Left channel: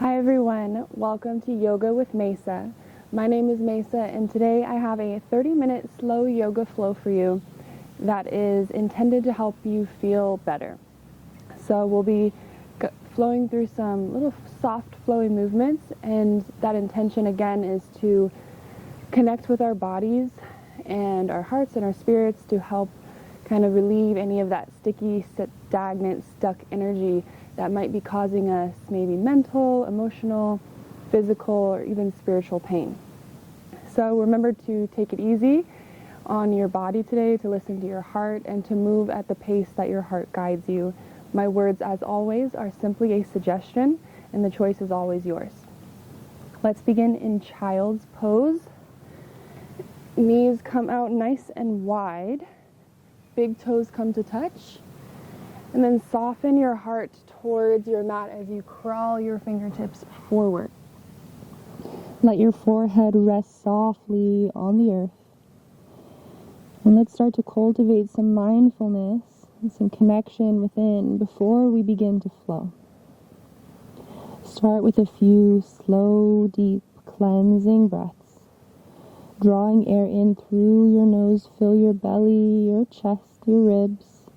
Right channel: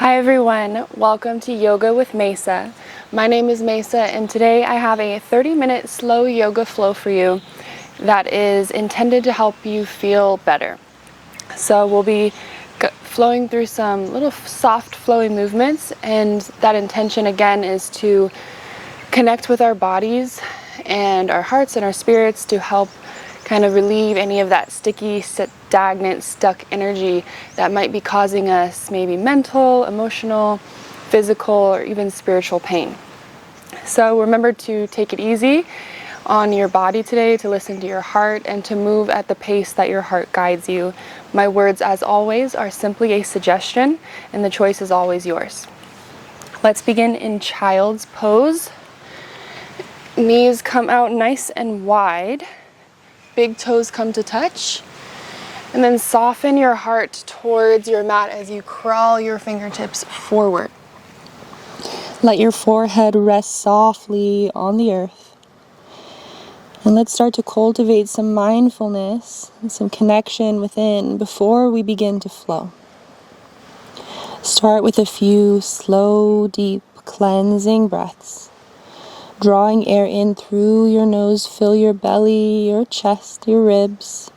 Hi everyone, welcome to Yoga with Mesa. My name is Mesa and today I have a 30-minute slow yoga flow for you that is intended to help you feel better. So we'll be flowing through some little soft flowing movements, and that intention again is to connect with our bodies and our hearts and our spirits to help kind of relieve any of that sticky, stagnant, stuck energy that might be causing us maybe mental, emotional, physical, or even spiritual pain. So remember to take it easy on your body today, to listen to your heart, and to move at the pace that your heart guides you. My words, as always, are simply a suggestion, and the choice is always yours. Let's begin in child's pose. Knees come out nice and wide. Big toes come to touch. And then soften your heart towards your mat as you crawl your fingertips forward. Let your forehead rest softly on the earth. And let's start to cultivate some mindfulness and some connection within before we begin to flow. Start with a few slow, deep, cleansing breaths. Drawing air in through your nose, fill your belly, your chest, your ribs.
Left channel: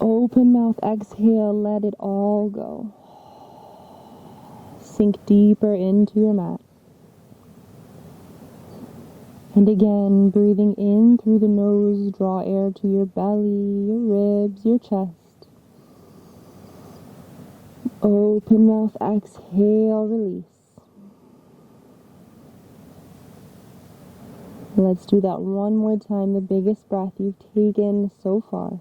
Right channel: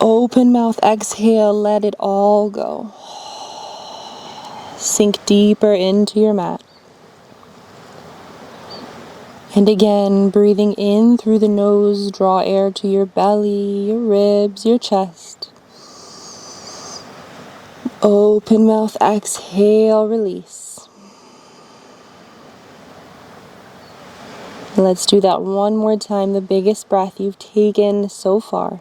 Open mouth, exhale, let it all go. Sink deeper into your mat. And again, breathing in through the nose, draw air to your belly, your ribs, your chest. Open mouth, exhale, release. Let's do that one more time, the biggest breath you've taken so far.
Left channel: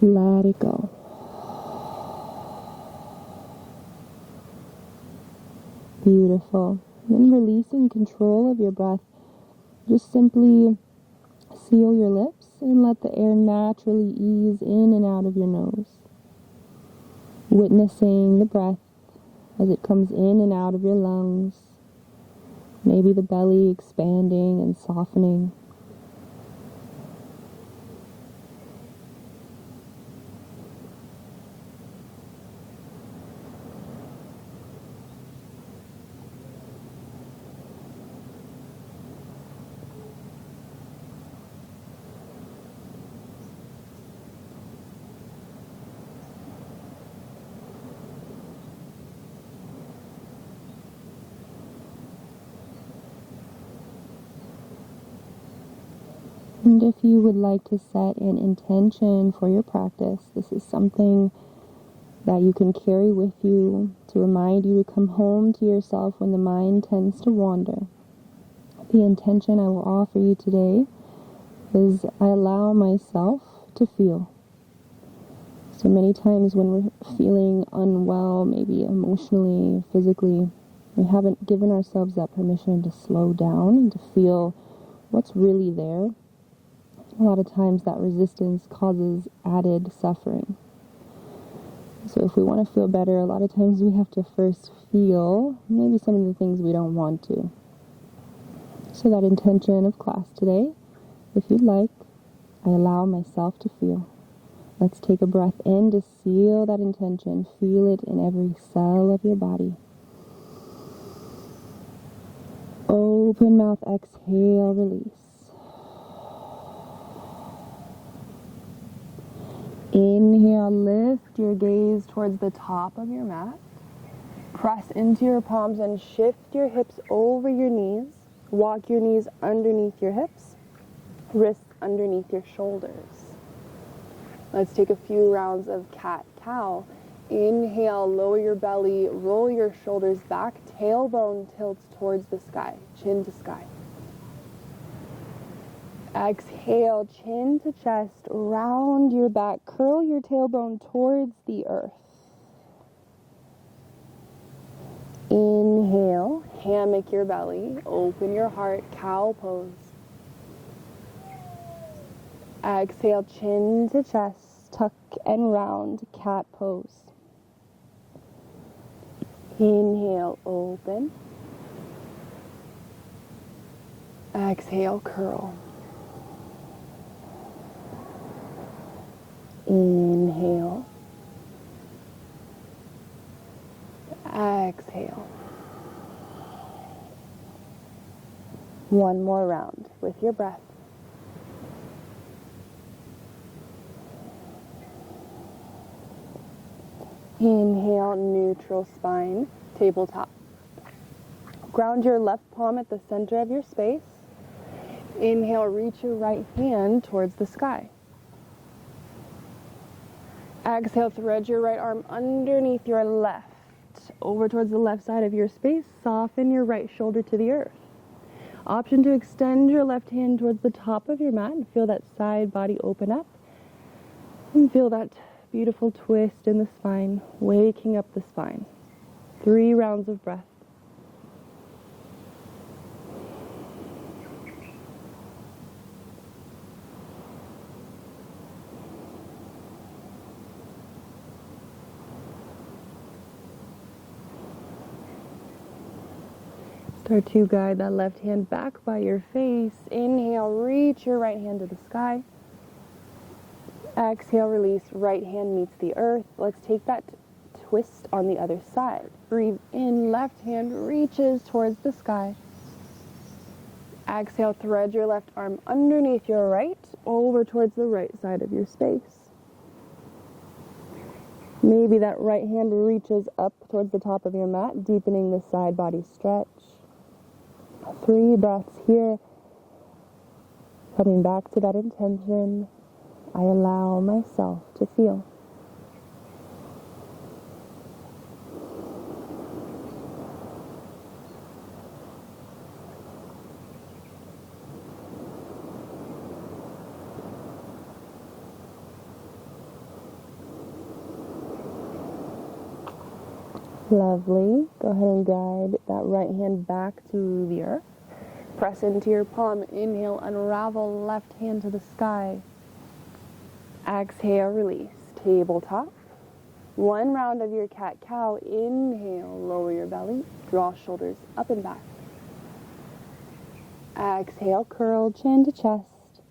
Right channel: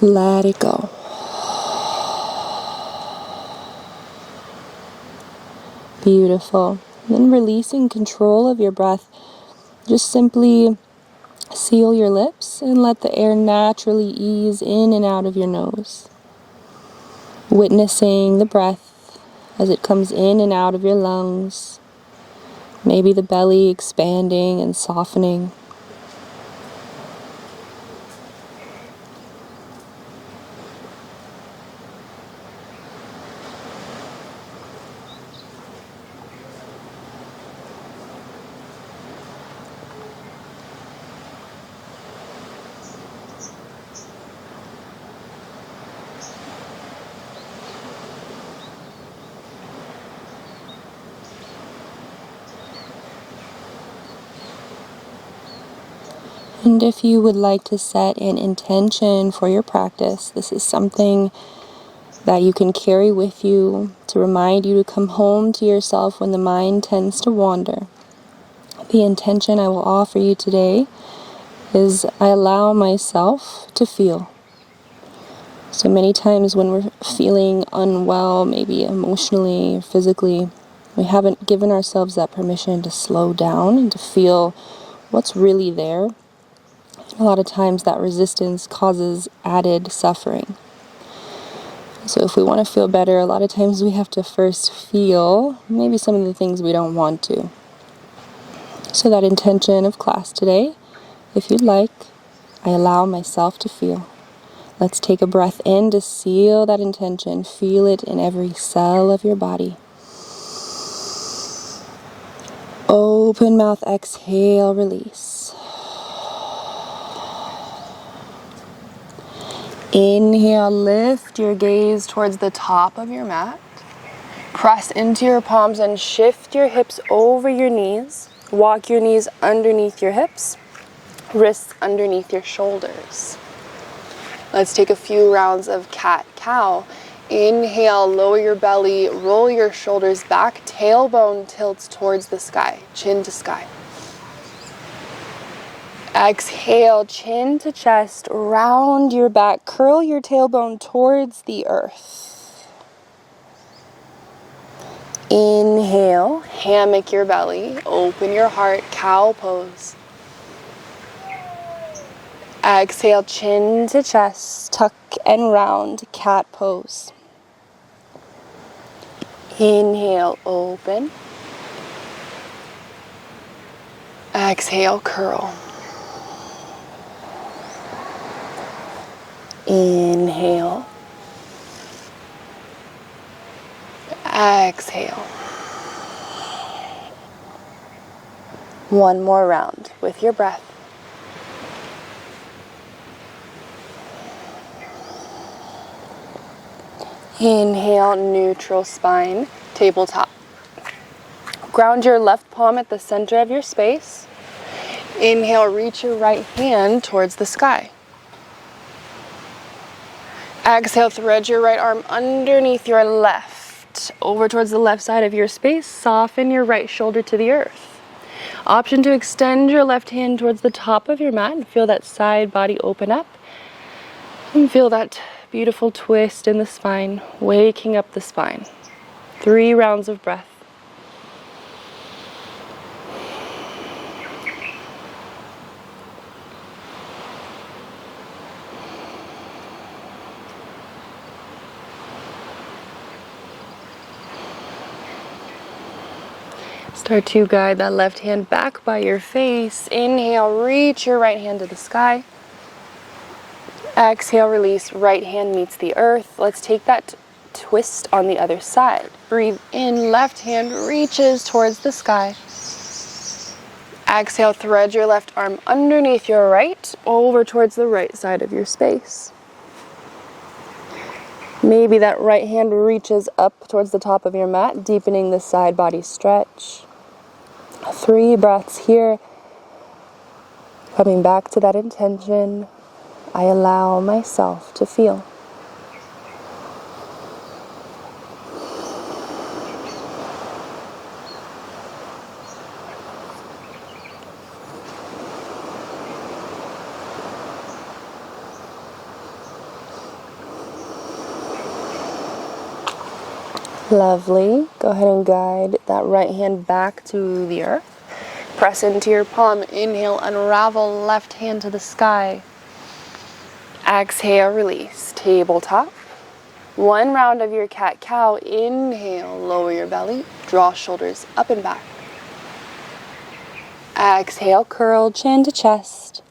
Let it go. Beautiful. Then releasing control of your breath, just simply seal your lips and let the air naturally ease in and out of your nose. Witnessing the breath as it comes in and out of your lungs. Maybe the belly expanding and softening. And if you would like to set an intention for your practice, this is something that you can carry with you to remind you to come home to yourself when the mind tends to wander. The intention I will offer you today is I allow myself to feel. So many times when we're feeling unwell, maybe emotionally or physically, we haven't given ourselves that permission to slow down and to feel what's really there. A lot of times that resistance causes added suffering. So if we want to feel better, a lot of times we have to first feel maybe some of the things we don't want to. So that intention of class today, if you'd like, I allow myself to feel. Let's take a breath in to seal that intention. Feel it in every cell of your body. Open mouth, exhale, release. Inhale, lift your gaze towards the top of your mat. Press into your palms and shift your hips over your knees. Walk your knees underneath your hips, wrists underneath your shoulders. Let's take a few rounds of cat-cow. Inhale, lower your belly, roll your shoulders back, tailbone tilts towards the sky, chin to sky. Exhale, chin to chest, round your back, curl your tailbone towards the earth. Inhale, hammock your belly, open your heart, cow pose. Exhale, chin to chest, tuck and round, cat pose. Inhale, open. Exhale, curl. Inhale, Exhale. One more round with your breath. Inhale, neutral spine, tabletop. Ground your left palm at the center of your space. Inhale, reach your right hand towards the sky. Exhale, thread your right arm underneath your left, over towards the left side of your space. Soften your right shoulder to the earth. Option to extend your left hand towards the top of your mat and feel that side body open up. And feel that beautiful twist in the spine, waking up the spine. 3 rounds of breath. Start to guide that left hand back by your face. Inhale, reach your right hand to the sky. Exhale, release, right hand meets the earth. Let's take that twist on the other side. Breathe in, left hand reaches towards the sky. Exhale, thread your left arm underneath your right, over towards the right side of your space. Maybe that right hand reaches up towards the top of your mat, deepening the side body stretch. 3 breaths here. Coming back to that intention, I allow myself to feel. Lovely. Go ahead and guide that right hand back to the earth. Press into your palm. Inhale, unravel left hand to the sky. Exhale, release, tabletop. 1 round of your cat-cow. Inhale, lower your belly, draw shoulders up and back. Exhale, curl chin to chest.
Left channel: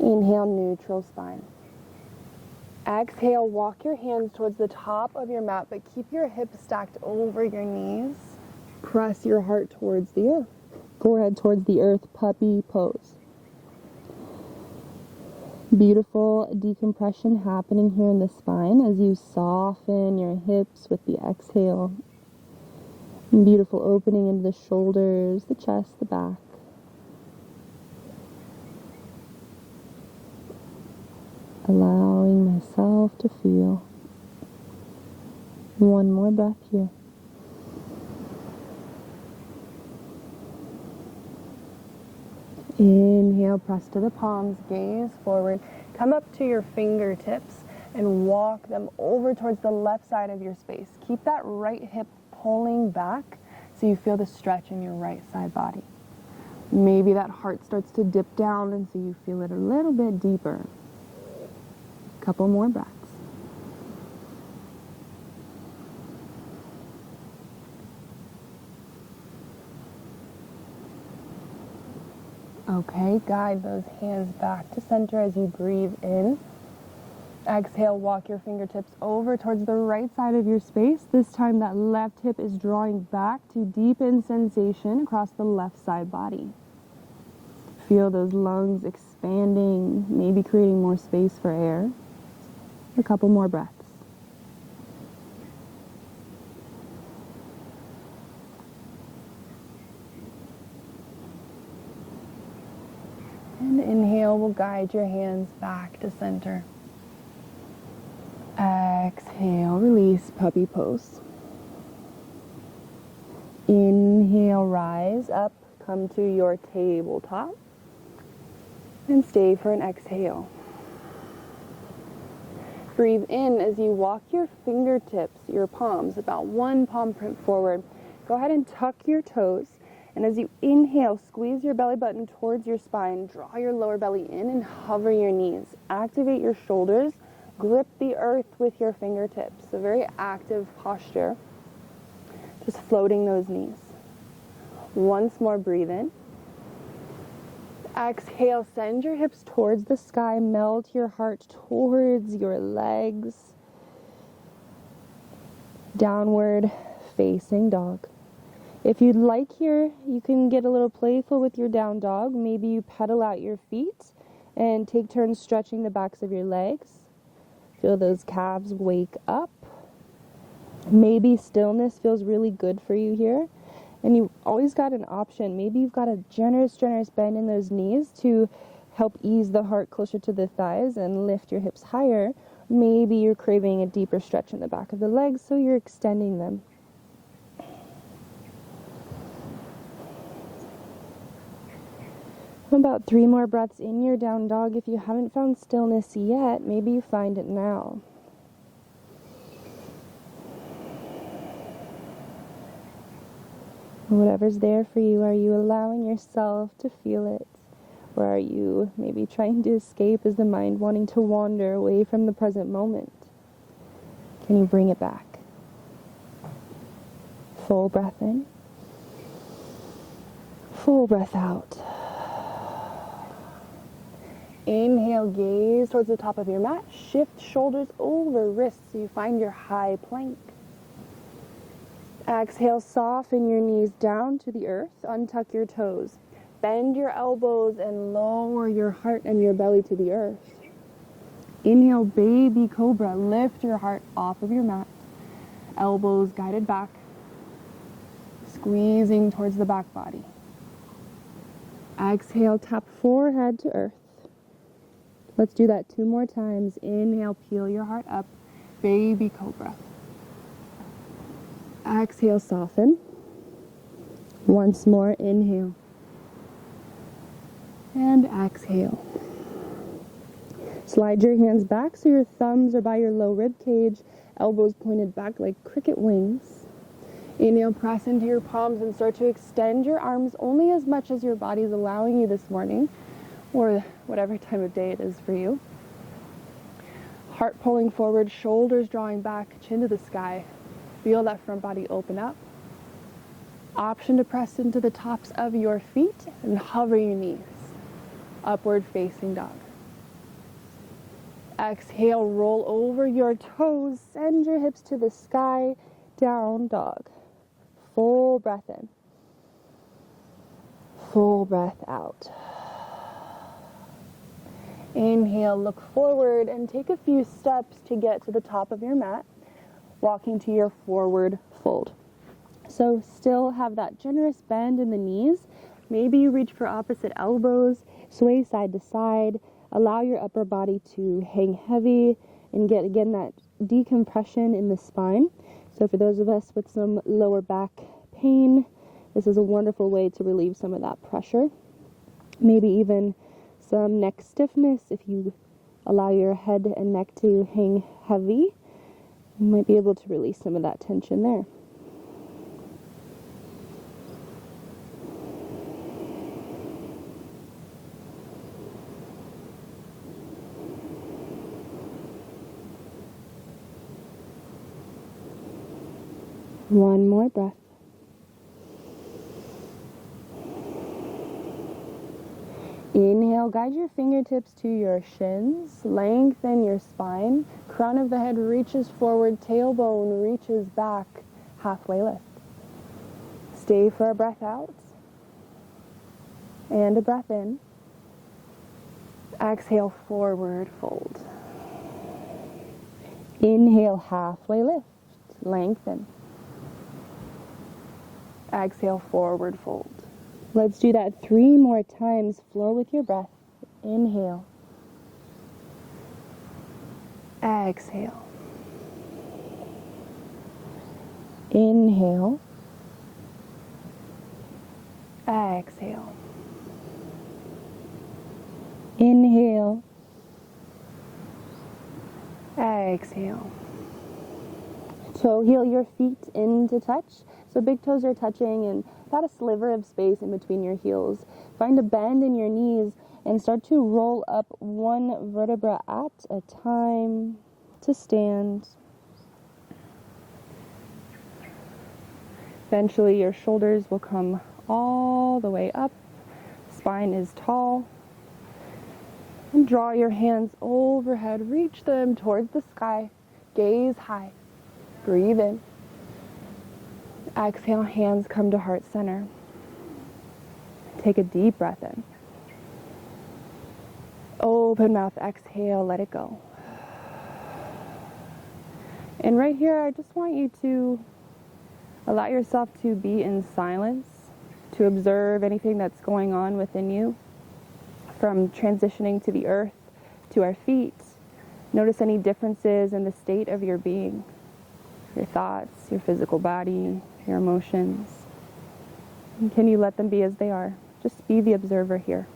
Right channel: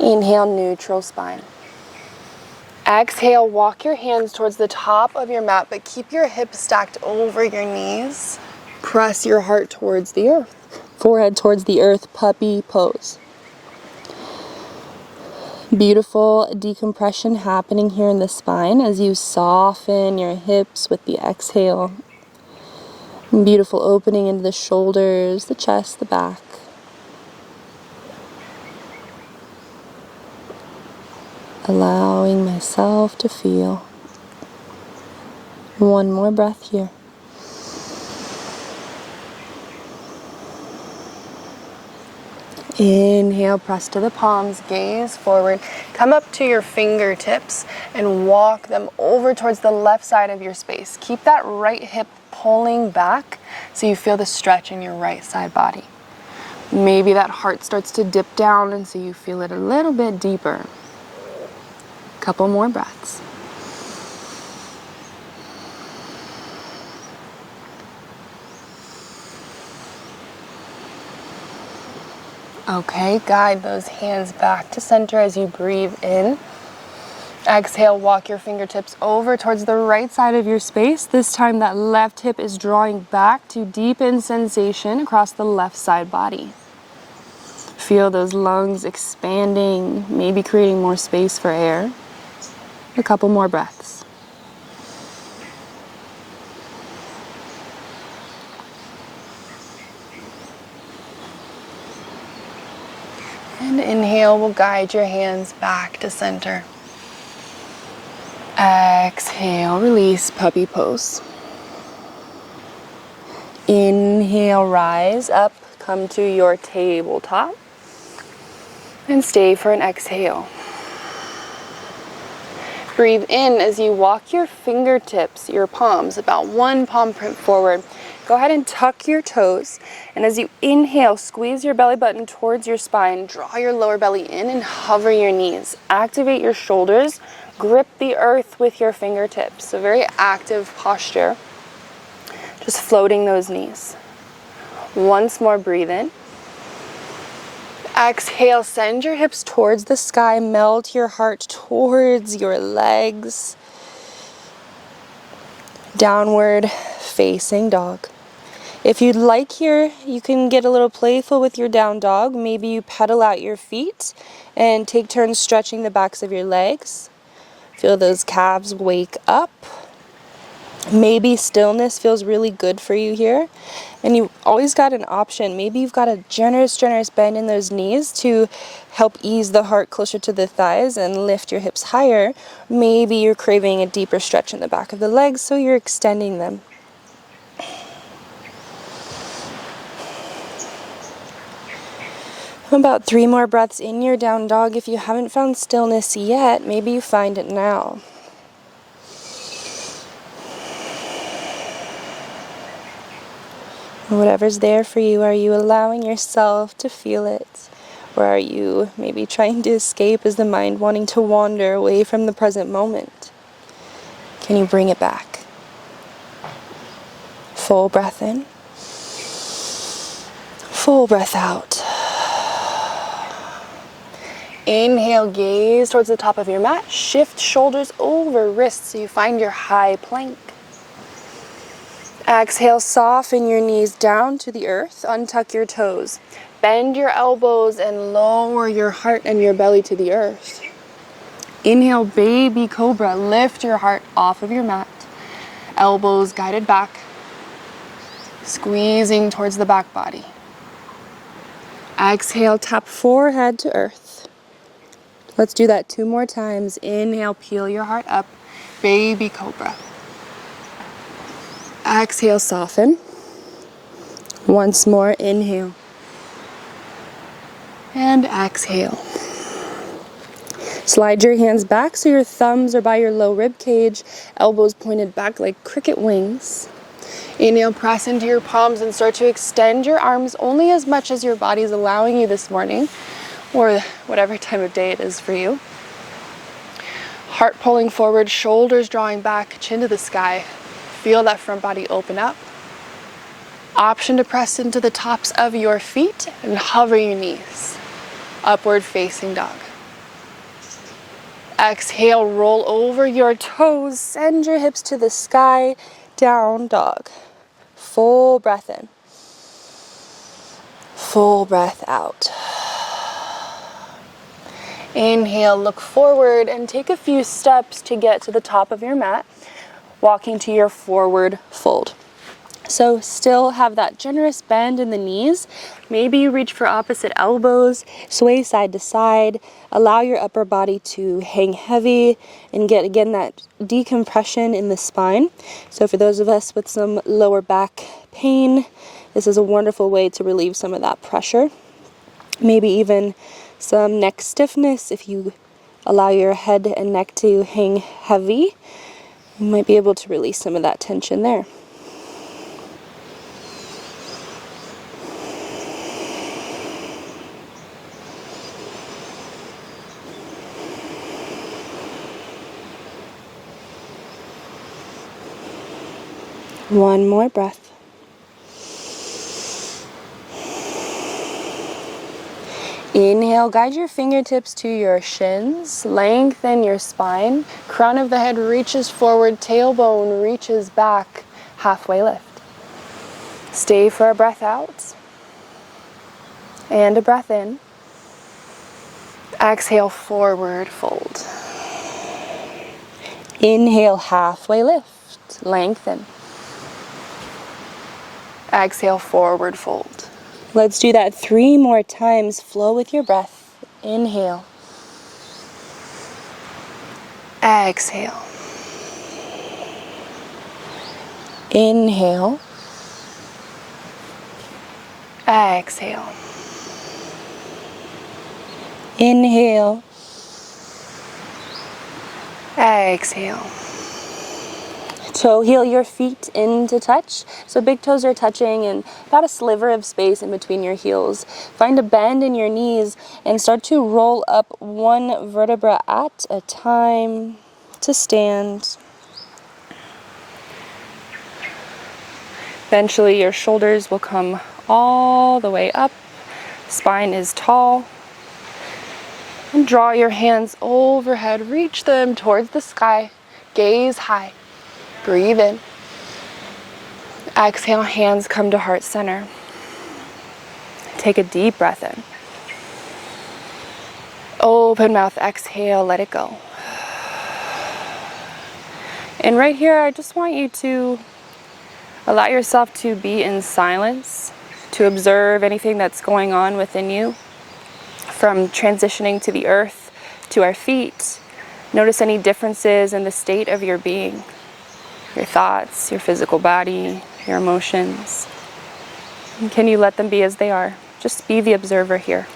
Inhale, neutral spine. Exhale, walk your hands towards the top of your mat, but keep your hips stacked over your knees. Press your heart towards the earth, forehead towards the earth, puppy pose. Beautiful decompression happening here in the spine as you soften your hips with the exhale. Beautiful opening into the shoulders, the chest, the back. Allowing myself to feel. 1 more breath here. Inhale, press to the palms, gaze forward. Come up to your fingertips and walk them over towards the left side of your space. Keep that right hip pulling back so you feel the stretch in your right side body. Maybe that heart starts to dip down and so you feel it a little bit deeper. Couple more breaths. Okay, guide those hands back to center as you breathe in. Exhale, walk your fingertips over towards the right side of your space. This time that left hip is drawing back to deepen sensation across the left side body. Feel those lungs expanding, maybe creating more space for air. A couple more breaths. And inhale, we'll guide your hands back to center. Exhale, release, puppy pose. Inhale, rise up, come to your tabletop. And stay for an exhale. Breathe in as you walk your fingertips, your palms, about 1 palm print forward. Go ahead and tuck your toes. And as you inhale, squeeze your belly button towards your spine. Draw your lower belly in and hover your knees. Activate your shoulders. Grip the earth with your fingertips. So very active posture. Just floating those knees. Once more, breathe in. Exhale, send your hips towards the sky, melt your heart towards your legs. Downward facing dog. If you'd like here, you can get a little playful with your down dog. Maybe you pedal out your feet and take turns stretching the backs of your legs. Feel those calves wake up. Maybe stillness feels really good for you here. And you've always got an option. Maybe you've got a generous bend in those knees to help ease the heart closer to the thighs and lift your hips higher. Maybe you're craving a deeper stretch in the back of the legs, so you're extending them. About 3 more breaths in your down dog. If you haven't found stillness yet, maybe you find it now. Whatever's there for you, are you allowing yourself to feel it? Or are you maybe trying to escape? Is the mind wanting to wander away from the present moment? Can you bring it back? Full breath in. Full breath out. Inhale, gaze towards the top of your mat. Shift shoulders over wrists so you find your high plank. Exhale, soften your knees down to the earth. Untuck your toes. Bend your elbows and lower your heart and your belly to the earth. Inhale, baby cobra. Lift your heart off of your mat. Elbows guided back. Squeezing towards the back body. Exhale, tap forehead to earth. Let's do that 2 more times. Inhale, peel your heart up. Baby cobra. Exhale, soften. Once more, inhale. And exhale. Slide your hands back so your thumbs are by your low rib cage, elbows pointed back like cricket wings. Inhale, press into your palms and start to extend your arms only as much as your body's allowing you this morning, or whatever time of day it is for you. Heart pulling forward, shoulders drawing back, chin to the sky. Feel that front body open up. Option to press into the tops of your feet and hover your knees. Upward facing dog. Exhale, roll over your toes, send your hips to the sky, down dog. Full breath in. Full breath out. Inhale, look forward and take a few steps to get to the top of your mat, walking to your forward fold. So still have that generous bend in the knees. Maybe you reach for opposite elbows, sway side to side, allow your upper body to hang heavy and get again that decompression in the spine. So for those of us with some lower back pain, this is a wonderful way to relieve some of that pressure. Maybe even some neck stiffness. If you allow your head and neck to hang heavy, you might be able to release some of that tension there. One more breath. Inhale, guide your fingertips to your shins, lengthen your spine, crown of the head reaches forward, tailbone reaches back, halfway lift. Stay for a breath out and a breath in. Exhale, forward fold. Inhale, halfway lift, lengthen. Exhale, forward fold. Let's do that 3 more times. Flow with your breath. Inhale. Exhale. Inhale. Exhale. Inhale. Exhale. Toe heel your feet into touch. So big toes are touching and about a sliver of space in between your heels. Find a bend in your knees and start to roll up 1 vertebra at a time to stand. Eventually your shoulders will come all the way up. Spine is tall. And draw your hands overhead. Reach them towards the sky. Gaze high. Breathe in. Exhale, hands come to heart center. Take a deep breath in. Open mouth, exhale, let it go. And right here, I just want you to allow yourself to be in silence, to observe anything that's going on within you, from transitioning to the earth, to our feet. Notice any differences in the state of your being, your thoughts, your physical body, your emotions. And can you let them be as they are? Just be the observer here.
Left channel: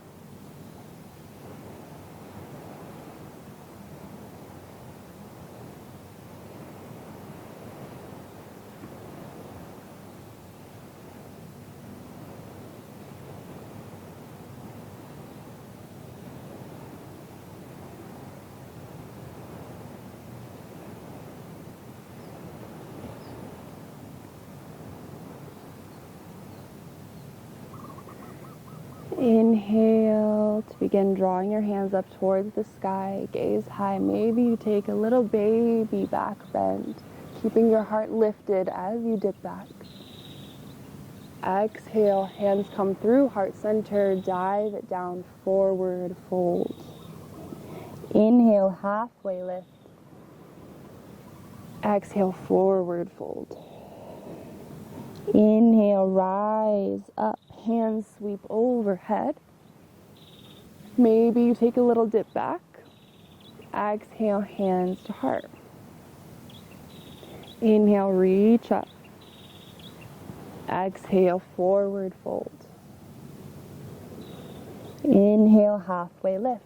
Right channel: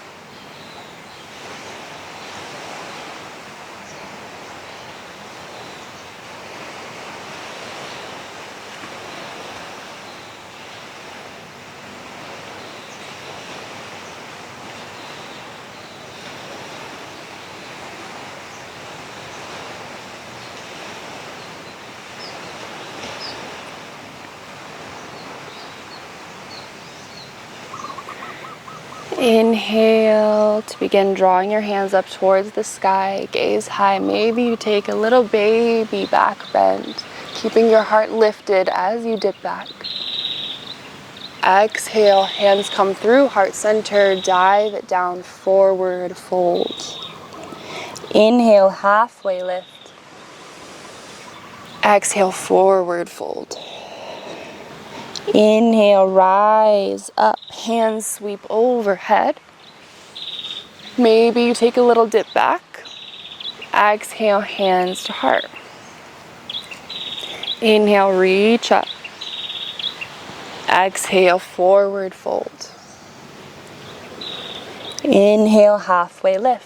Inhale to begin drawing your hands up towards the sky, gaze high. Maybe you take a little baby back bend, keeping your heart lifted as you dip back. Exhale, hands come through, heart center, dive it down, forward fold. Inhale, halfway lift. Exhale, forward fold. Inhale, rise up, hands sweep overhead. Maybe you take a little dip back. Exhale, hands to heart. Inhale, reach up. Exhale, forward fold. Inhale, halfway lift.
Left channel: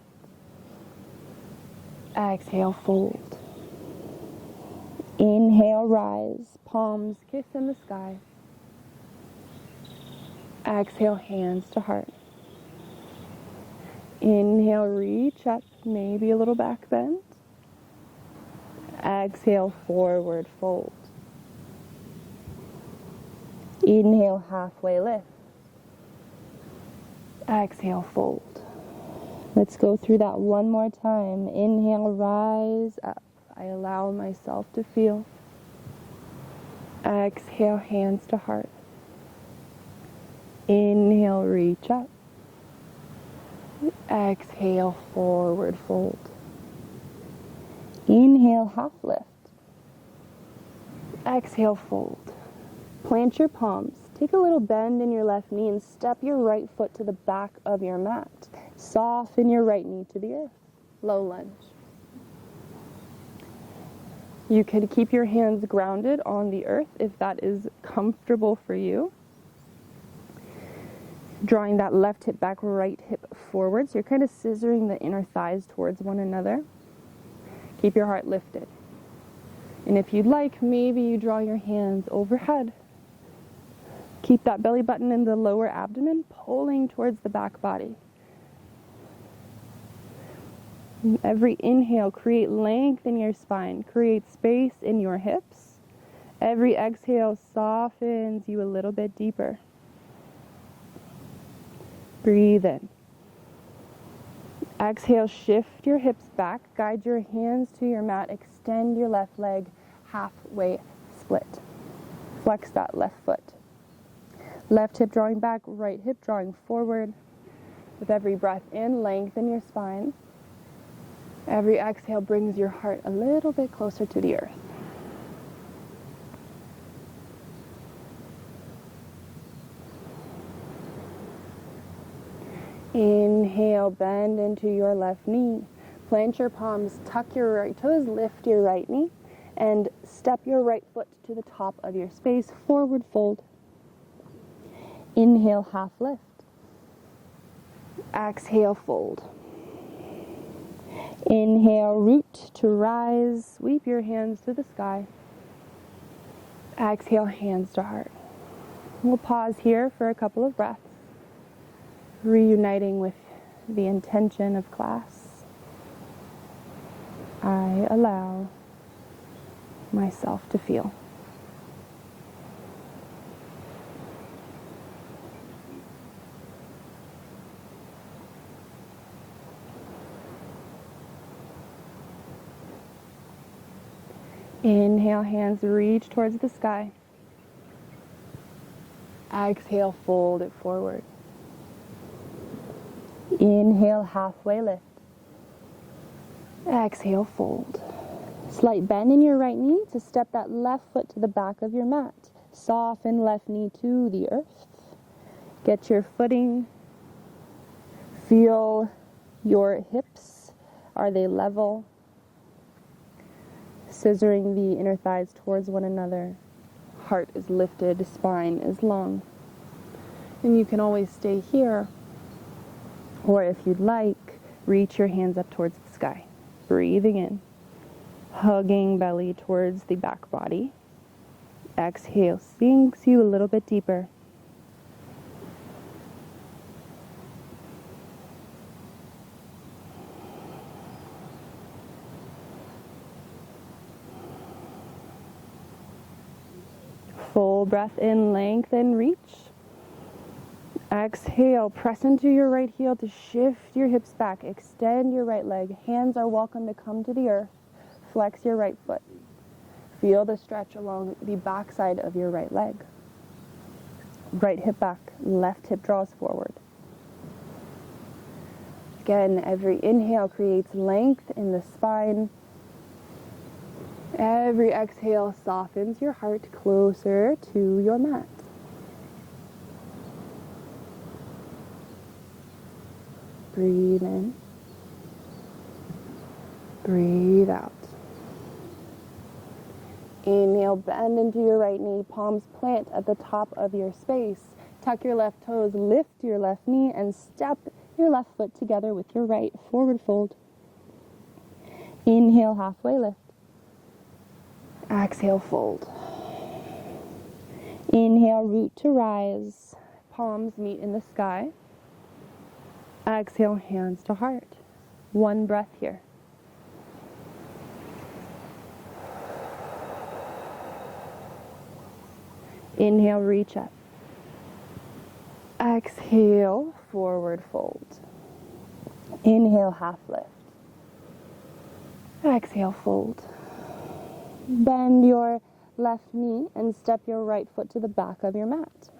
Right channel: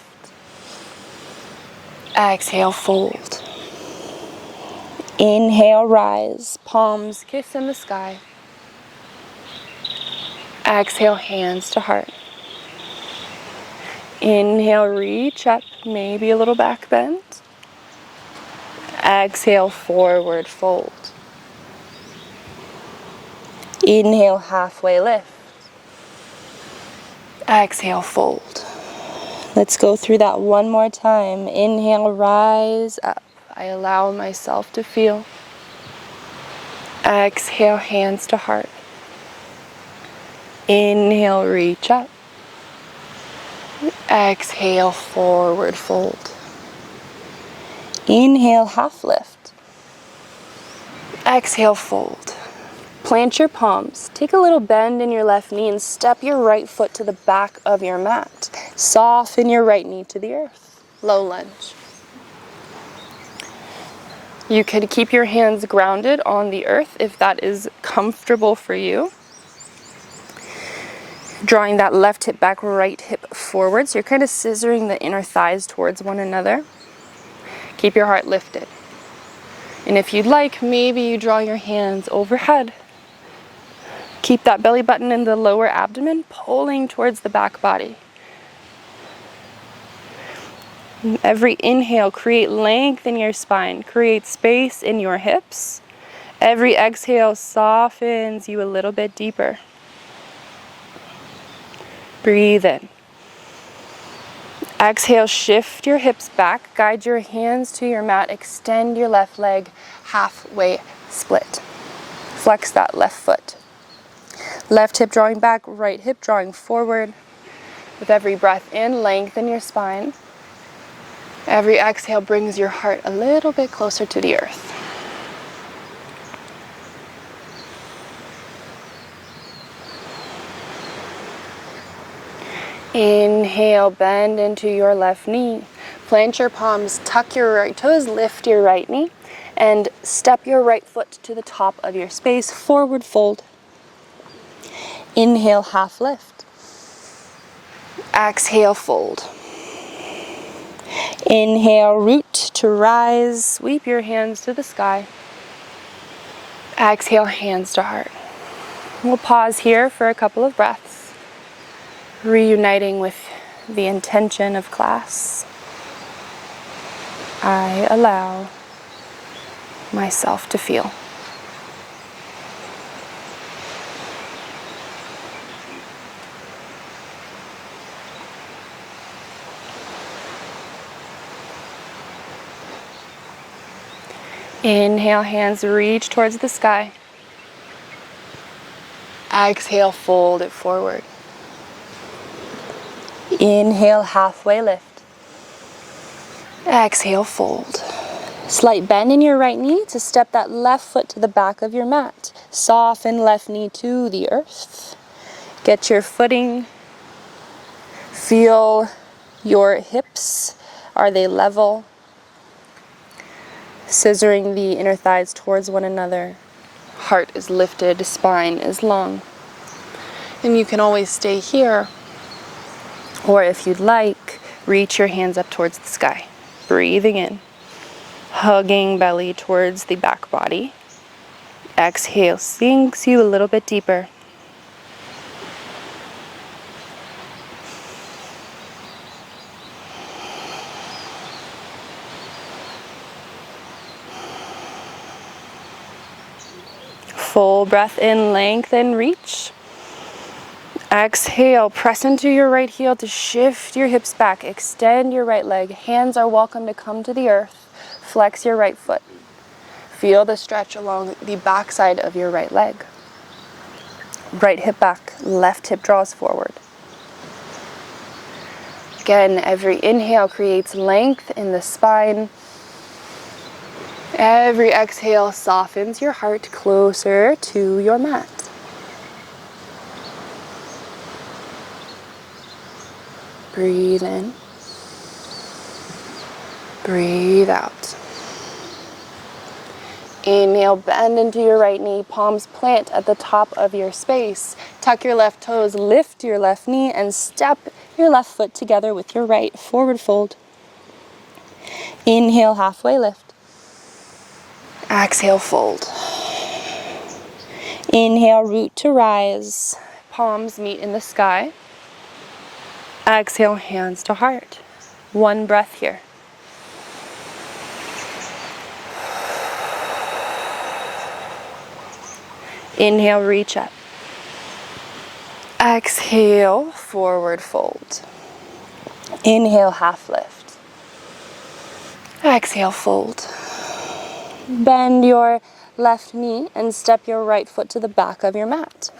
Exhale, fold. Inhale, rise, palms kiss in the sky. Exhale, hands to heart. Inhale, reach up, maybe a little back bend. Exhale, forward fold. Inhale, halfway lift. Exhale, fold. Let's go through that one more time. Inhale, rise up. I allow myself to feel. Exhale, hands to heart. Inhale, reach up. Exhale, forward fold. Inhale, half lift. Exhale, fold. Plant your palms. Take a little bend in your left knee and step your right foot to the back of your mat. Soften your right knee to the earth. Low lunge. You could keep your hands grounded on the earth if that is comfortable for you. Drawing that left hip back, right hip forward. So you're kind of scissoring the inner thighs towards one another. Keep your heart lifted. And if you'd like, maybe you draw your hands overhead. Keep that belly button in the lower abdomen, pulling towards the back body. Every inhale, create length in your spine, create space in your hips. Every exhale softens you a little bit deeper. Breathe in. Exhale, shift your hips back, guide your hands to your mat, extend your left leg, halfway split. Flex that left foot. Left hip drawing back, right hip drawing forward. With every breath in, lengthen your spine. Every exhale brings your heart a little bit closer to the earth. Inhale, bend into your left knee. Plant your palms, tuck your right toes, lift your right knee, and step your right foot to the top of your space, forward fold. Inhale, half lift. Exhale, fold. Inhale, root to rise, sweep your hands to the sky. Exhale, hands to heart. We'll pause here for a couple of breaths, reuniting with the intention of class. I allow myself to feel. Inhale, hands reach towards the sky. Exhale, fold it forward. Inhale, halfway lift. Exhale, fold. Slight bend in your right knee to step that left foot to the back of your mat. Soften left knee to the earth. Get your footing. Feel your hips. Are they level? Scissoring the inner thighs towards one another. Heart is lifted, spine is long. And you can always stay here. Or if you'd like, reach your hands up towards the sky. Breathing in. Hugging belly towards the back body. Exhale, sinks you a little bit deeper. Full breath in, lengthen, reach. Exhale, press into your right heel to shift your hips back. Extend your right leg. Hands are welcome to come to the earth. Flex your right foot. Feel the stretch along the backside of your right leg. Right hip back, left hip draws forward. Again, every inhale creates length in the spine. Every exhale softens your heart closer to your mat. Breathe in. Breathe out. Inhale, bend into your right knee, palms plant at the top of your space. Tuck your left toes, lift your left knee, and step your left foot together with your right, forward fold. Inhale, halfway lift. Exhale, fold. Inhale, root to rise. Palms meet in the sky. Exhale, hands to heart. One breath here. Inhale, reach up. Exhale, forward fold. Inhale, half lift. Exhale, fold. Bend your left knee and step your right foot to the back of your mat.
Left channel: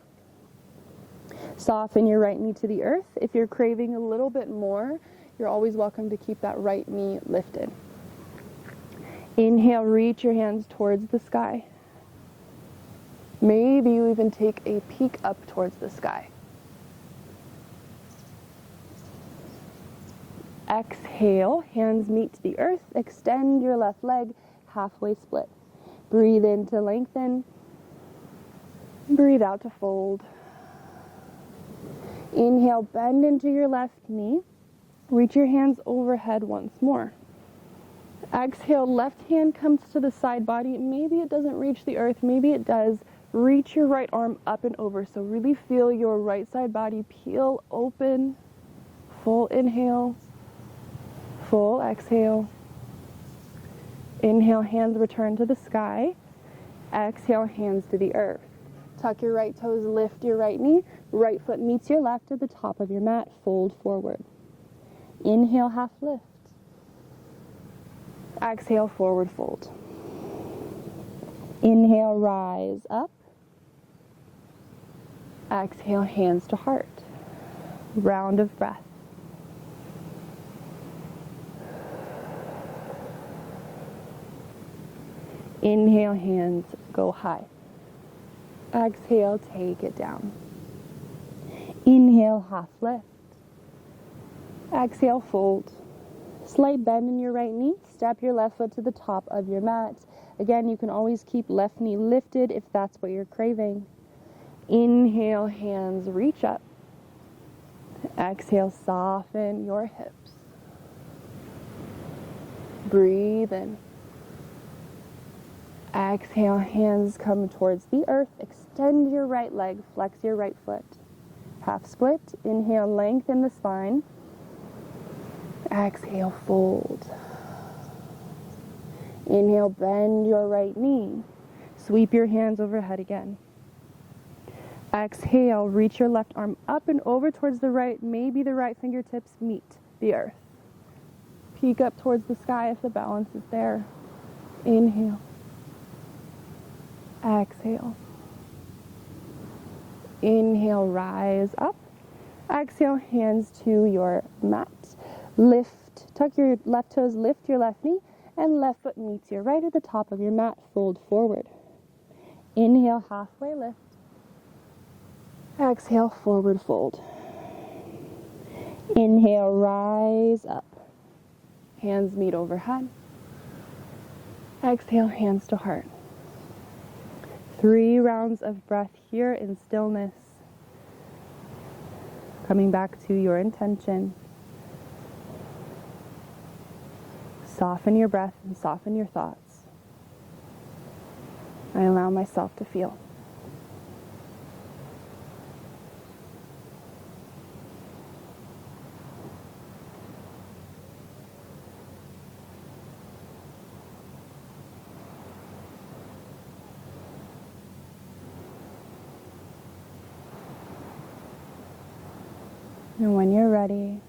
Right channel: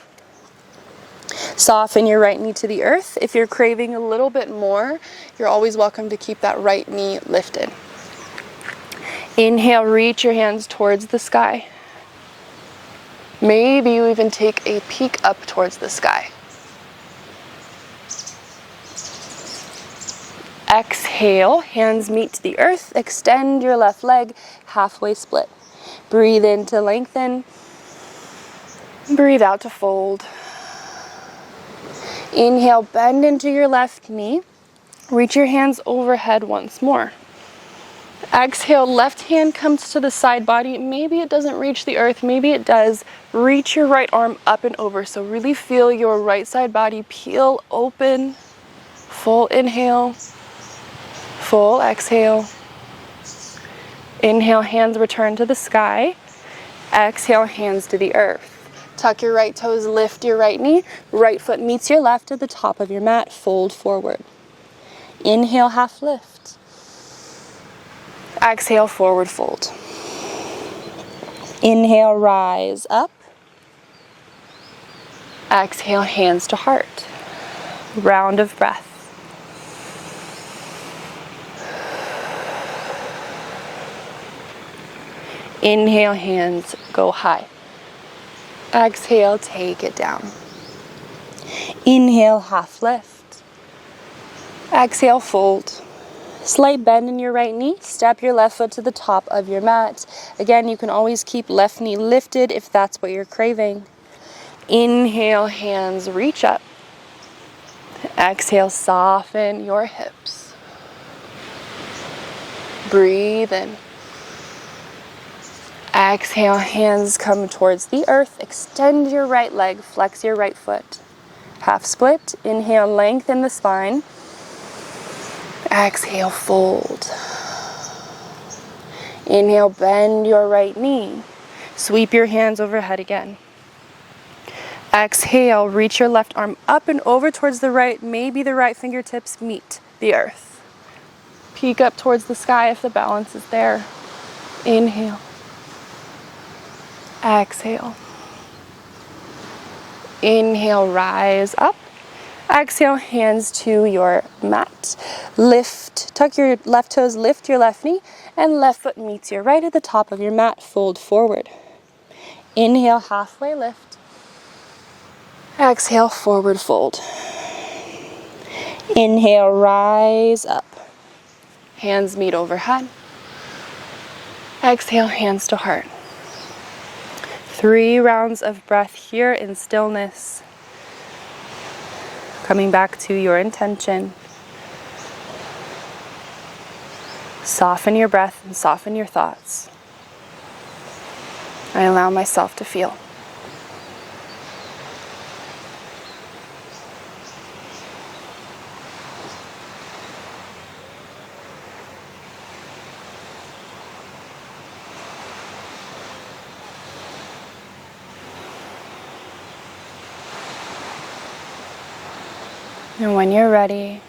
Soften your right knee to the earth. If you're craving a little bit more, you're always welcome to keep that right knee lifted. Inhale, reach your hands towards the sky. Maybe you even take a peek up towards the sky. Exhale, hands meet to the earth. Extend your left leg, halfway split. Breathe in to lengthen. Breathe out to fold. Inhale, bend into your left knee. Reach your hands overhead once more. Exhale, left hand comes to the side body. Maybe it doesn't reach the earth, maybe it does. Reach your right arm up and over. So really feel your right side body peel open. Full inhale, full exhale. Inhale, hands return to the sky. Exhale, hands to the earth. Tuck your right toes, lift your right knee. Right foot meets your left at the top of your mat. Fold forward. Inhale, half lift. Exhale, forward fold. Inhale, rise up. Exhale, hands to heart. Round of breath. Inhale, hands go high. Exhale, take it down. Inhale, half lift. Exhale, fold. Slight bend in your right knee. Step your left foot to the top of your mat. Again, you can always keep left knee lifted if that's what you're craving. Inhale, hands reach up. Exhale, soften your hips. Breathe in. Exhale, hands come towards the earth. Extend your right leg, flex your right foot. Half split. Inhale, lengthen the spine. Exhale, fold. Inhale, bend your right knee. Sweep your hands overhead again. Exhale, reach your left arm up and over towards the right. Maybe the right fingertips meet the earth. Peek up towards the sky if the balance is there. Inhale. Exhale. Inhale, rise up. Exhale, hands to your mat. Lift, tuck your left toes, lift your left knee, and left foot meets your right at the top of your mat. Fold forward. Inhale, halfway lift. Exhale, forward fold. Inhale, rise up. Hands meet overhead. Exhale, hands to heart. 3 rounds of breath here in stillness. Coming back to your intention. Soften your breath and soften your thoughts. I allow myself to feel. And when you're ready,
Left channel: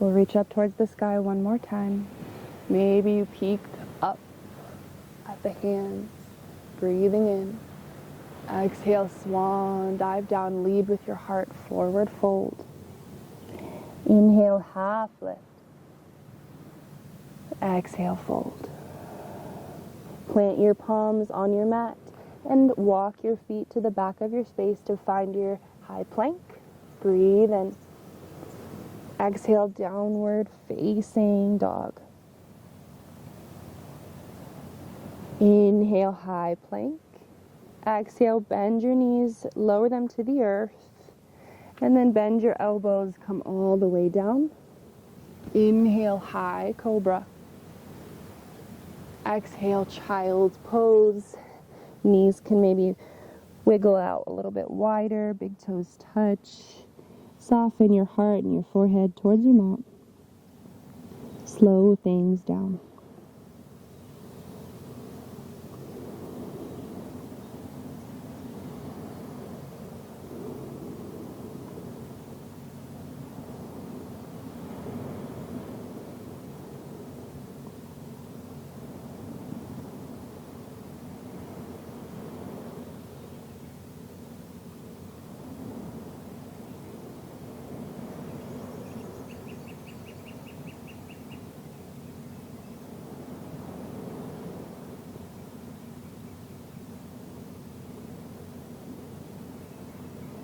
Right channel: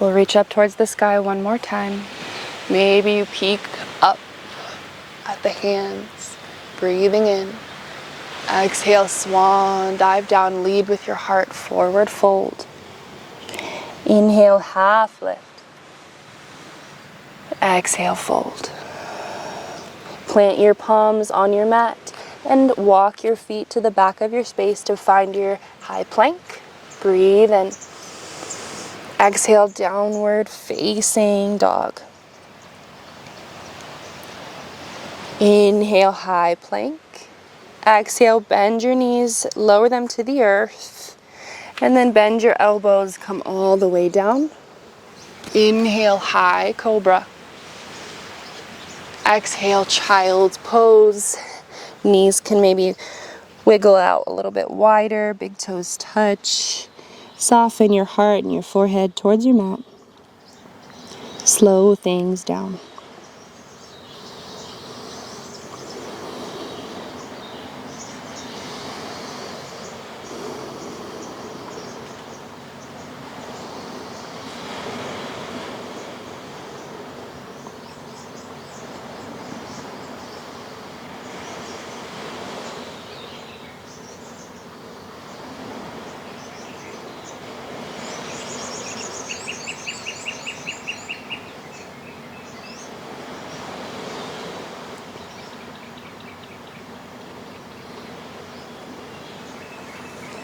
we'll reach up towards the sky one more time. Maybe you peek up at the hands, breathing in. Exhale, swan, dive down, lead with your heart, forward fold. Inhale, half lift. Exhale, fold. Plant your palms on your mat and walk your feet to the back of your space to find your high plank. Breathe in. Exhale, downward facing dog. Inhale, high plank. Exhale, bend your knees, lower them to the earth. And then bend your elbows, come all the way down. Inhale, high cobra. Exhale, child's pose. Knees can maybe wiggle out a little bit wider, big toes touch. Soften your heart and your forehead towards your mat. Slow things down.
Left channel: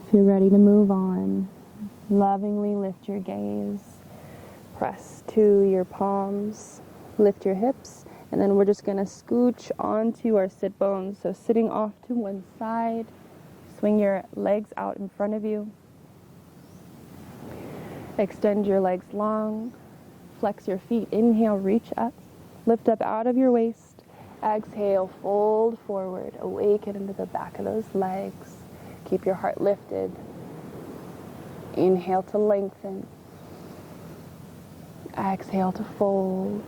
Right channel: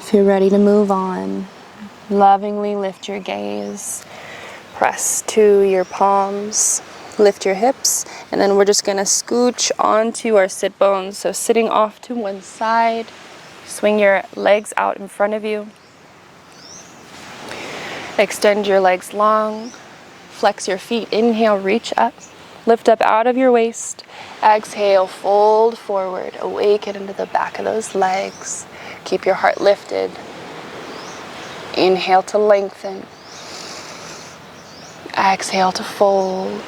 If you're ready to move on, lovingly lift your gaze, press to your palms, lift your hips, and then we're just gonna scooch onto our sit bones. So sitting off to one side, swing your legs out in front of you. Extend your legs long, flex your feet, inhale, reach up, lift up out of your waist. Exhale, fold forward, awaken into the back of those legs. Keep your heart lifted. Inhale to lengthen. Exhale to fold.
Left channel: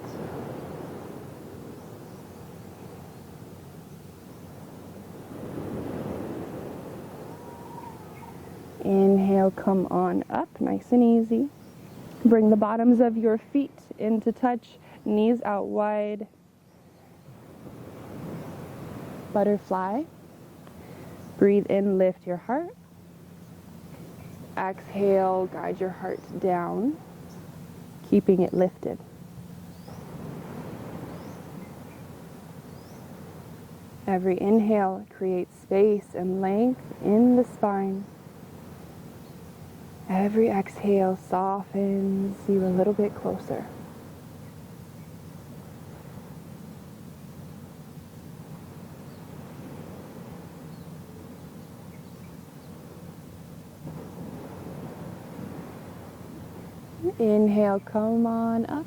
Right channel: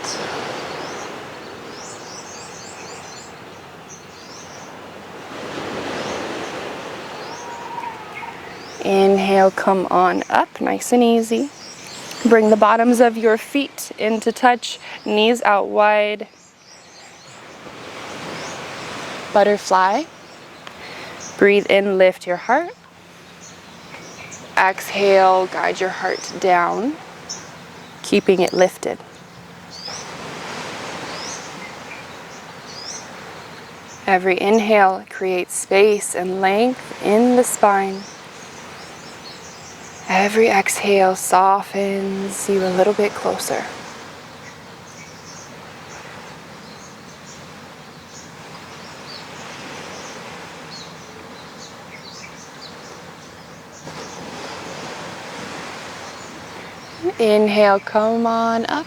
Inhale, come on up, nice and easy. Bring the bottoms of your feet into touch, knees out wide. Butterfly. Breathe in, lift your heart. Exhale, guide your heart down, keeping it lifted. Every inhale creates space and length in the spine. Every exhale softens you a little bit closer. Inhale, come on up.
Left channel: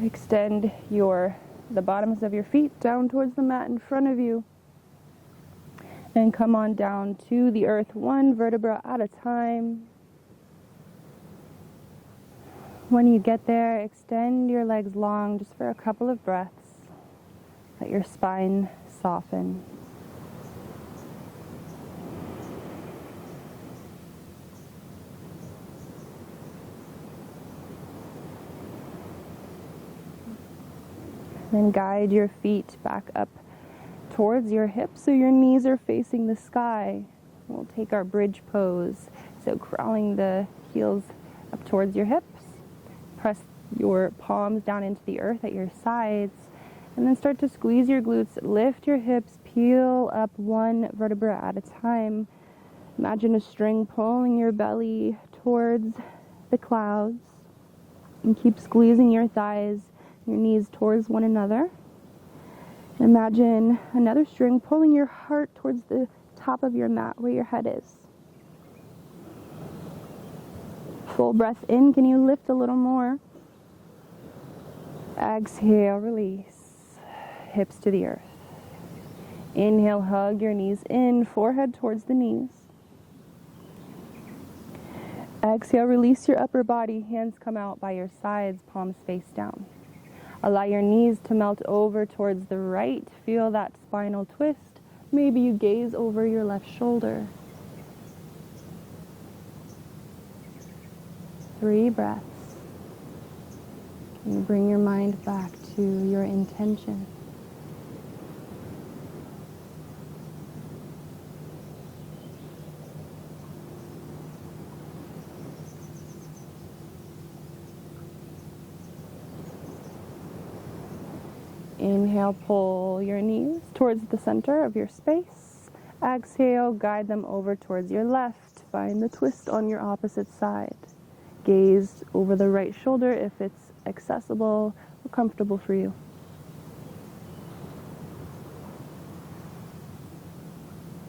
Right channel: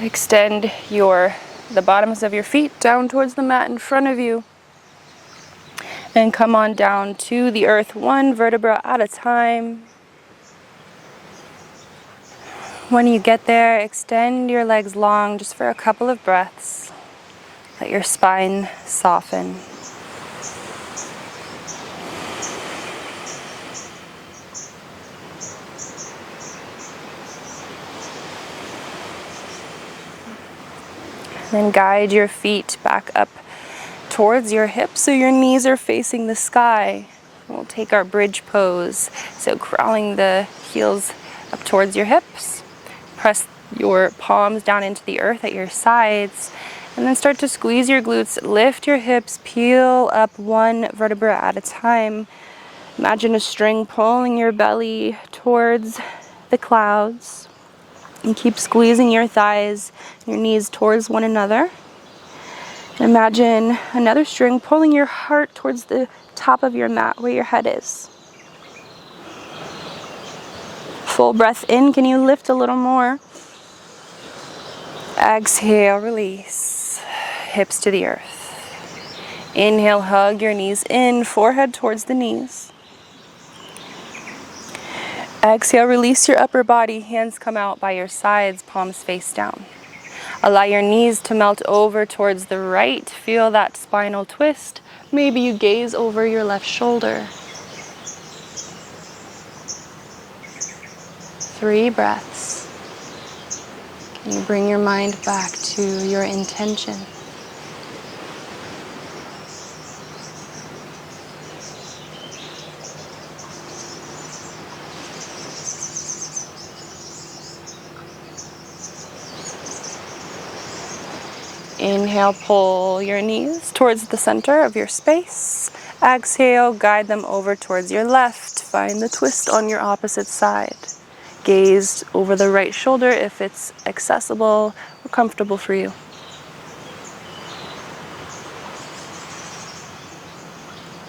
Extend the bottoms of your feet down towards the mat in front of you. And come on down to the earth, one vertebra at a time. When you get there, extend your legs long just for a couple of breaths. Let your spine soften. Then guide your feet back up towards your hips so your knees are facing the sky. We'll take our bridge pose. So crawling the heels up towards your hips. Press your palms down into the earth at your sides. And then start to squeeze your glutes. Lift your hips. Peel up one vertebra at a time. Imagine a string pulling your belly towards the clouds. And keep squeezing your thighs and your knees towards one another. Imagine another string pulling your heart towards the top of your mat where your head is. Full breath in. Can you lift a little more? Exhale, release. Hips to the earth. Inhale, hug your knees in, forehead towards the knees. Exhale, release your upper body. Hands come out by your sides, palms face down. Allow your knees to melt over towards the right. Feel that spinal twist. Maybe you gaze over your left shoulder. 3 breaths. Can you bring your mind back to your intention? Inhale, pull your knees towards the center of your space. Exhale, guide them over towards your left. Find the twist on your opposite side. Gaze over the right shoulder if it's accessible or comfortable for you.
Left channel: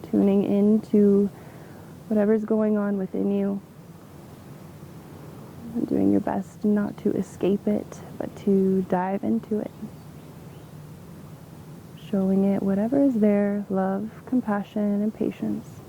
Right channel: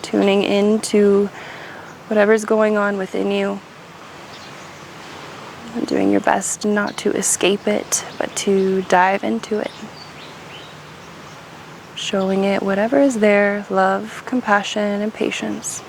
Tuning into whatever's going on within you. And doing your best not to escape it, but to dive into it. Showing it whatever is there, love, compassion, and patience.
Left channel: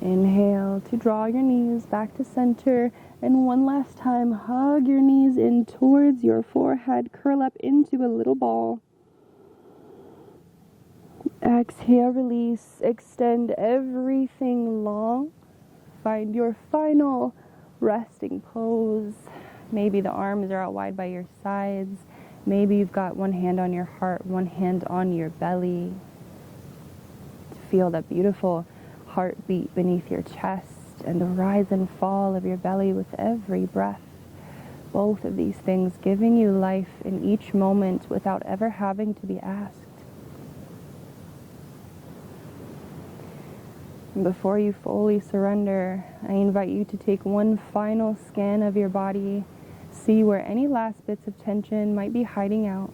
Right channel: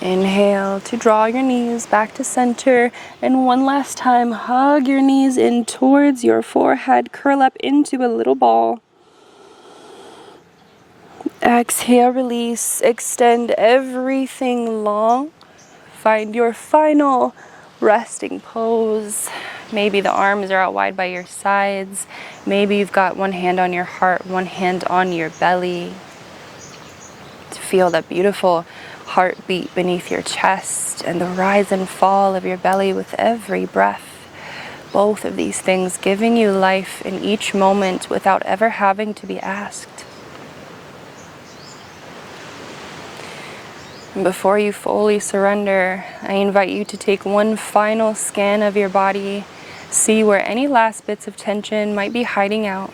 Inhale to draw your knees back to center. And one last time, hug your knees in towards your forehead. Curl up into a little ball. Exhale, release. Extend everything long. Find your final resting pose. Maybe the arms are out wide by your sides. Maybe you've got one hand on your heart, one hand on your belly. To feel that beautiful heartbeat beneath your chest and the rise and fall of your belly with every breath. Both of these things giving you life in each moment without ever having to be asked. And before you fully surrender, I invite you to take one final scan of your body. See where any last bits of tension might be hiding out.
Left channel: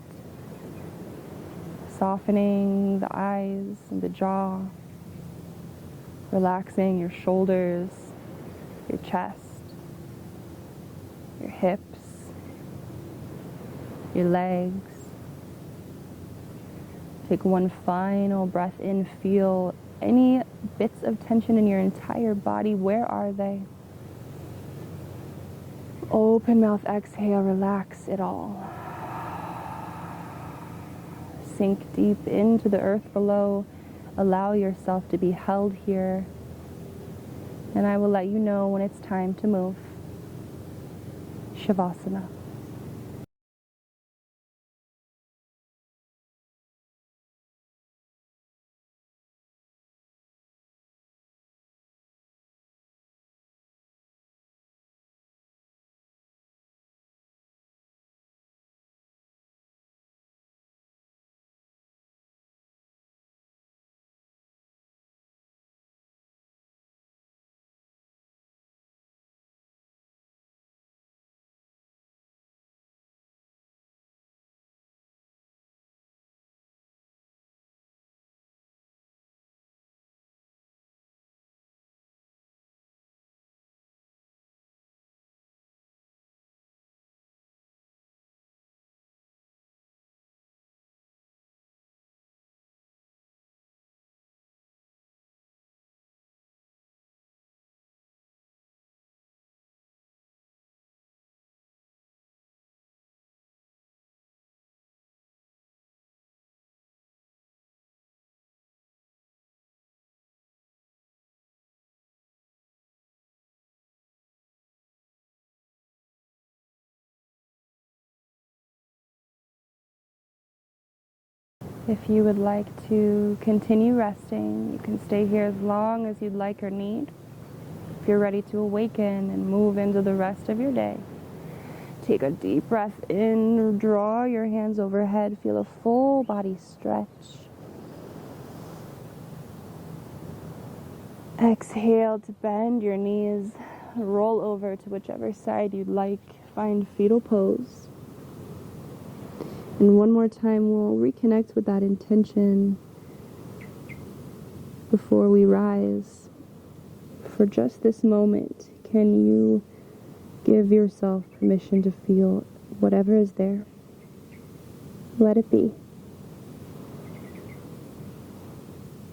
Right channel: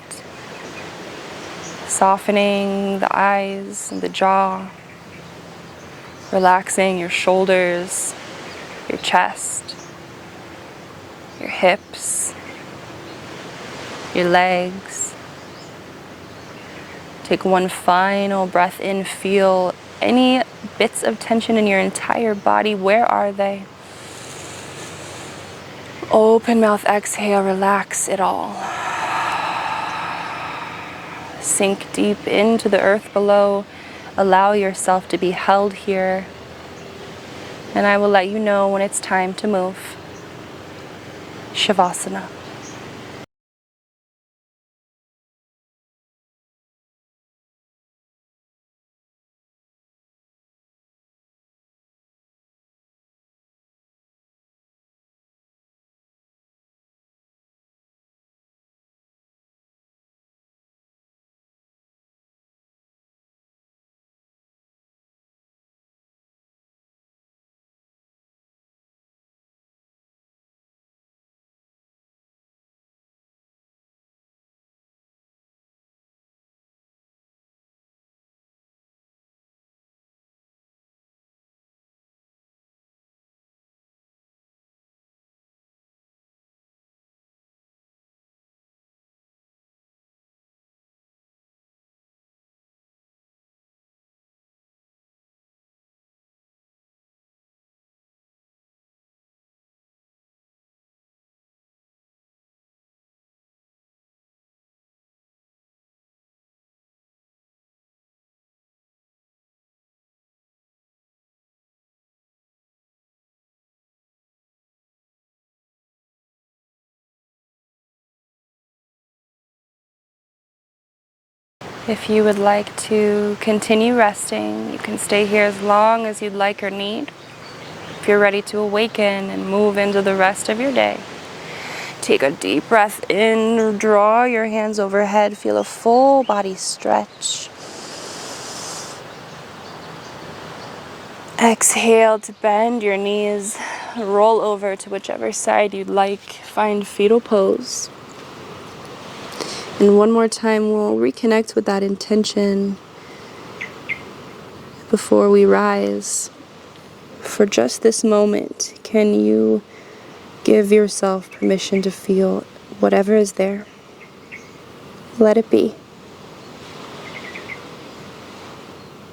Softening the eyes and the jaw. Relaxing your shoulders, your chest, your hips, your legs. Take one final breath in. Feel any bits of tension in your entire body. Where are they? Open mouth, exhale, relax it all. Sink deep into the earth below. Allow yourself to be held here. And I will let you know when it's time to move. Shavasana. If you would like to continue resting, you can stay here as long as you'd like or need. If you're ready to awaken and move into the rest of your day, take a deep breath in, draw your hands overhead, feel a full body stretch. Exhale to bend your knees, roll over to whichever side you'd like, find fetal pose. And one more time, we'll reconnect with that intention before we rise. For just this moment, can you give yourself permission to feel whatever is there? Let it be.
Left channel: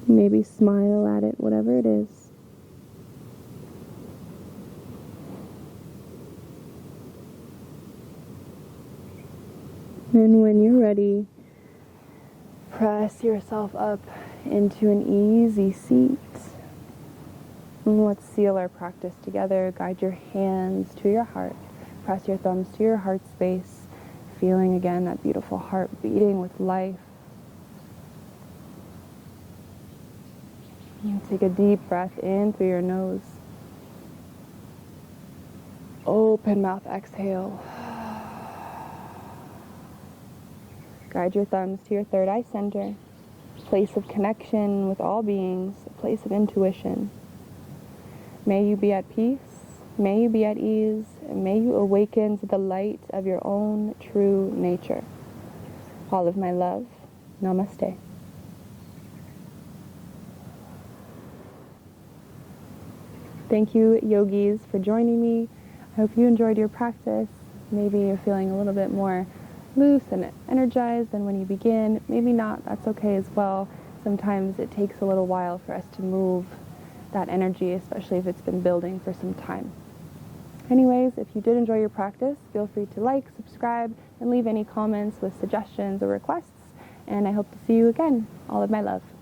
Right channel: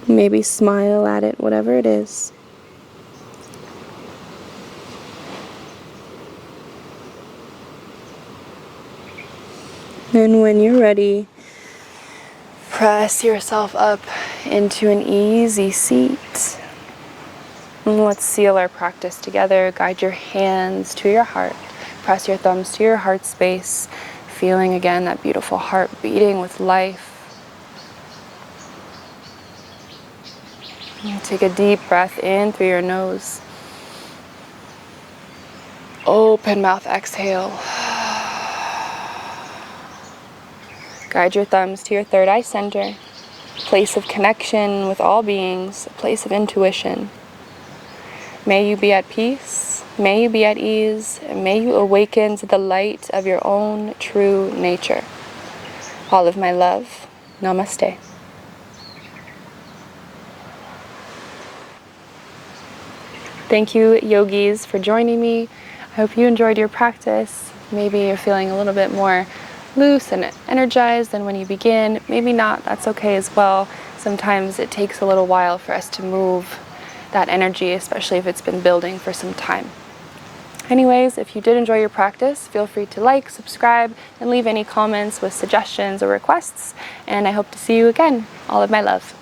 Maybe smile at it, whatever it is. And when you're ready, press yourself up into an easy seat. And let's seal our practice together. Guide your hands to your heart. Press your thumbs to your heart space, feeling again that beautiful heart beating with life. And take a deep breath in through your nose. Open mouth, exhale. Guide your thumbs to your third eye center, place of connection with all beings, a place of intuition. May you be at peace, may you be at ease, and may you awaken to the light of your own true nature. All of my love. Namaste. Thank you, yogis, for joining me. I hope you enjoyed your practice. Maybe you're feeling a little bit more loose and energized than when you begin. Maybe not, that's okay as well. Sometimes it takes a little while for us to move that energy, especially if it's been building for some time. Anyways, if you did enjoy your practice, feel free to like, subscribe, and leave any comments with suggestions or requests. And I hope to see you again. All of my love.